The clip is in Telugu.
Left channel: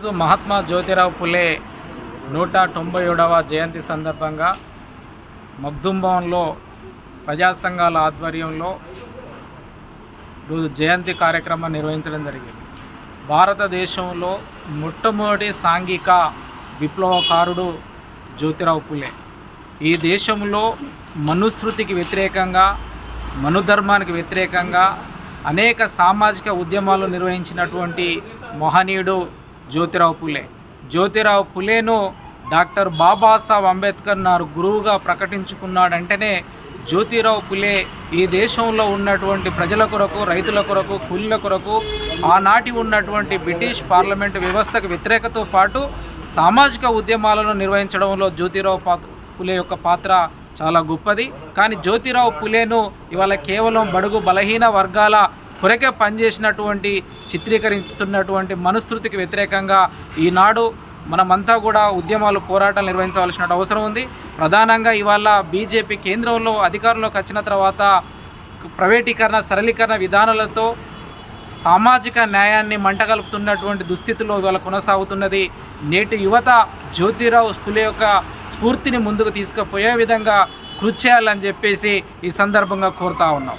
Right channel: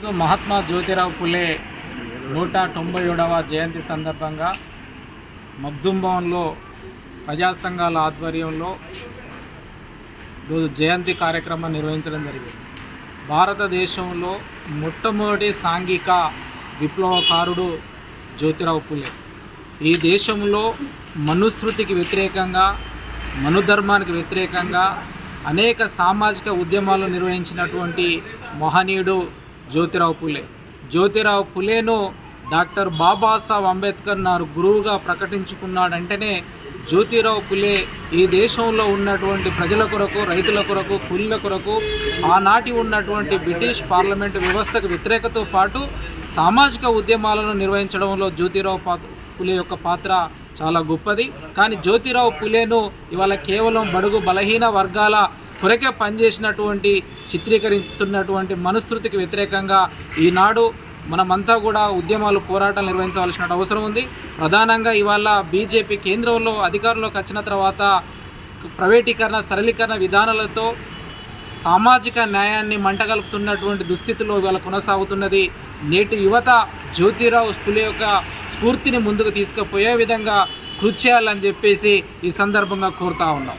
ఈరోజు మహాత్మా జ్యోతిరావు పులే నూట తొంభై ఏడవ జయంతి సందర్భంగా మగ్దుంభవన్లో ప్రజా సంఘాల ఆధ్వర్యంలో రోజు జయంతి కార్యక్రమం నిర్వహించడం జరిగింది. భారతదేశంలో మొట్టమొదటి సాంఘిక విప్లవకారుడు జ్యోతిరావు పులే. ఈ దేశంలో మనుస్మృతికి వ్యతిరేకంగా మనుధర్మానికి వ్యతిరేకంగా అనేక సామాజిక ఉద్యమాలు నిర్వహించినటువంటి మహనీయుడు జ్యోతిరావు పులే. జ్యోతిరావు పులేను డాక్టర్ బాబాసాహెబ్ అంబేద్కర్ నారు గురువుగా ప్రకటించుకున్నాడంటేనే జ్యోతిరావు పులే ఈ దేశంలో ఉన్నటువంటి ప్రజల కొరకు రైతుల కొరకు కూలీల కొరకు ఆనాటి ఉన్నటువంటి బ్రిటిష్ పార్లమెంటు వ్యవస్థకు వ్యతిరేకతో పాటు సామాజిక ఉద్యమాలను నిర్వహించడంలో జ్యోతిరావు పా పులే యొక్క పాత్ర చాలా గొప్పది. కానీ జ్యోతిరావు పులేను ఇవాళ కేవలం బడుగు బలహీన వర్గాల కొరకే పనిచేసినటువంటి చిత్రీకరిస్తున్నటువంటి మనుస్మృతికి వ్యతిరేకంగా ఈనాడు మనమంతా కూడా ఉద్యమాలు పోరాటాలు నిర్వహించవలసిన అవసరం ఉంది. ప్రధానంగా ఇవాళ బీజేపీ కేంద్రంలో అధికారంలోకి వచ్చిన తర్వాత ప్రైవేటీకరణ సరళీకరణ విధానాలతో సామాజిక న్యాయాన్ని మంటగలుపుతున్నటువంటి దుస్థితిలో ఇవాళ కొనసాగుతున్నది. నేటి యువత జ్యోతిరావు స్ఫులే యొక్క స్ఫూర్తిని ముందుకు తీసుకుపోయే విధంగా కృషి చేయాలని చెప్పేసి ఈ సందర్భంగా కోరుతా ఉన్నాం.